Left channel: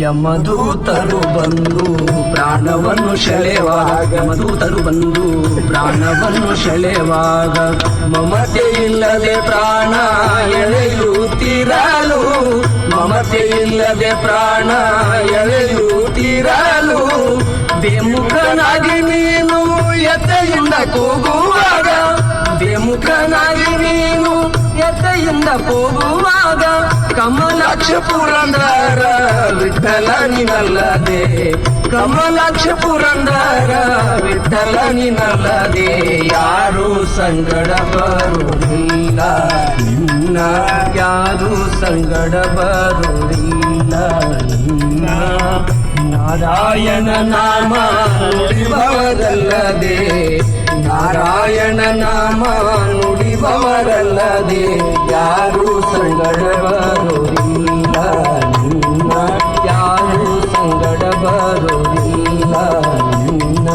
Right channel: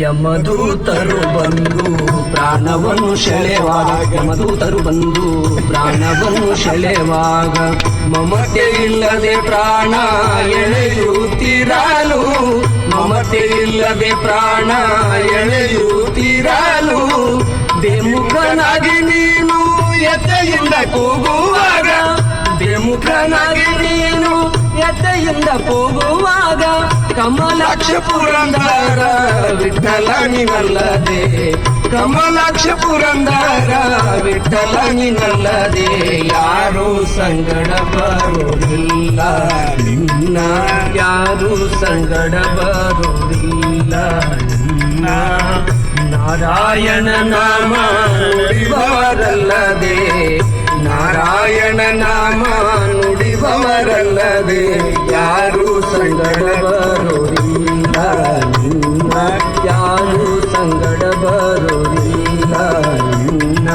ಯಮದೂತರು ಬಂದು ಪ್ರಾಣವನ್ನು ಸೆಳೆವಾಗ ಯಮದೂತರು ಬಂದು ಪ್ರಾಣವನ್ನು ಸೆಳೆವಾಗ ಮಮತೆ ಇಲ್ಲದೆ ಪ್ರಾಣ ಎಳೆಯುತ್ತಿರಲು ಮಮತೆ ಇಲ್ಲದೆ ಪ್ರಾಣ ಎಳೆಯುತ್ತಿರಲು ಬೆಮುಖನಾಗಿ ನೀನು ಎತ್ತೆಯಿಂದ ಕೂಗುವಾಗ ಬೆಮುಖನಾಗಿ ನೀನು ಎತ್ತೆಯಿಂದ ಕೂಗುವಾಗ ಕಮಲಾಕ್ಷ ಪುರಂದರ ವಿಠಲ ನೀನಲ್ಲದೆ ಕಮಲಾಕ್ಷ ಪುರಂದರ ವಿಠಲ ನೀನಲ್ಲದೆ ಯಾರು ಸಂಗಡ ಬರುವುದಿಲ್ಲ ನಿನ್ನ ಯಾರು ಸಂಗಡ ಬರುವುದಿಲ್ಲ ನಿನ್ನ ನಾರಾಯಣ ನಾಮ ನುಡಿಬವರಲ್ಲದೆ ನಾರಾಯಣ ನಾಮ ನುಡಿಬವರಲ್ಲದೆ ಯಾರು ಸಂಗಡ ಬರೋದಿಲ್ಲ ನಿನ್ನ ಯಾರು ಸಂಗಡ ಬರೋದಿಲ್ಲ ನಿನ್ನ